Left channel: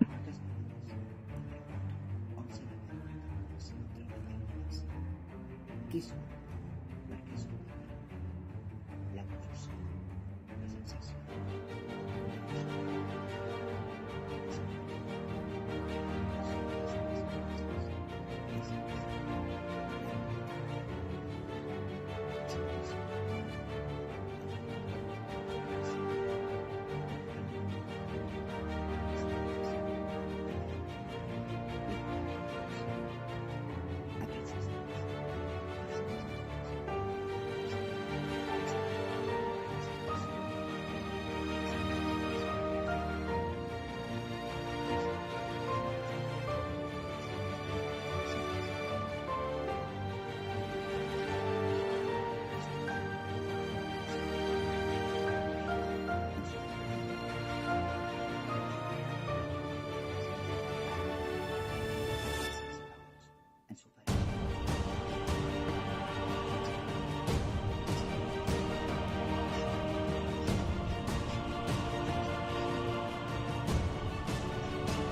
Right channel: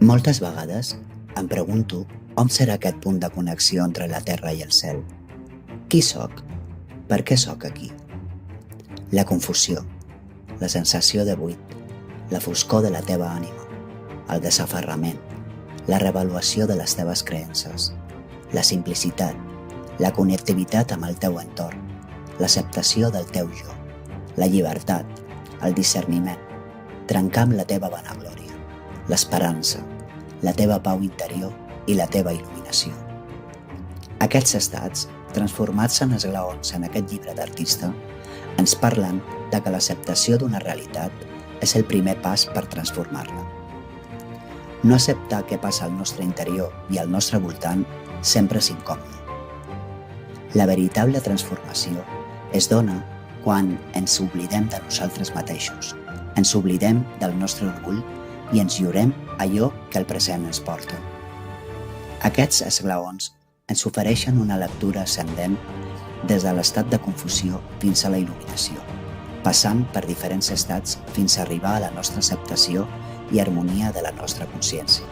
Moltes vegades em pregunto on serà aquest punt de connexió entre la terra i el cel. Qui sóc? Per què sóc aquí? La confusió, la sensació de buit, la foscor de la teva ànima, el desaferrament, la revaluació de les teves creences, la simplicitat, la connectivitat amb el teu entorn, l'acceptació del teu jo, la llibertat, el discerniment, trencar amb la teva vanaglòria, l'esperança, la teva pau interior i la teva il·luminació. Aquests estats, transformats en esglaons en aquest llibre d'artista, ens parlen de que l'acceptació d'una realitat és el primer pas per transformar-la. No acceptar què passa al nostre interior i al nostre voltant sempre és incòmode. La veritable transformació es dona quan ens oblidem de nosaltres mateixos, ens oblidem del nostre orgull i ens lliurem allò que el present ens porta. Aquests esglaons ens ofereixen una lectura ascendent des de l'estat de confusió fins a la il·luminació, passant per diferents estats fins a arribar a la nostra acceptació i harmonia de la nostra consciència.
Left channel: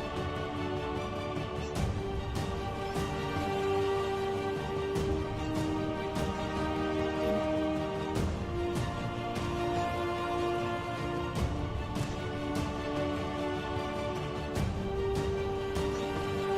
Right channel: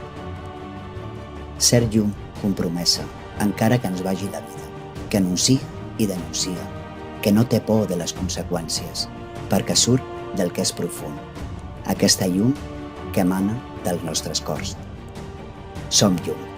Ser llum, compromesa, encara que ens vagi la vida, que anuncia i denuncia, que no té por de les conseqüències, perquè surt del que és profund, aquesta llum que emana dels nostres cors. Som llum.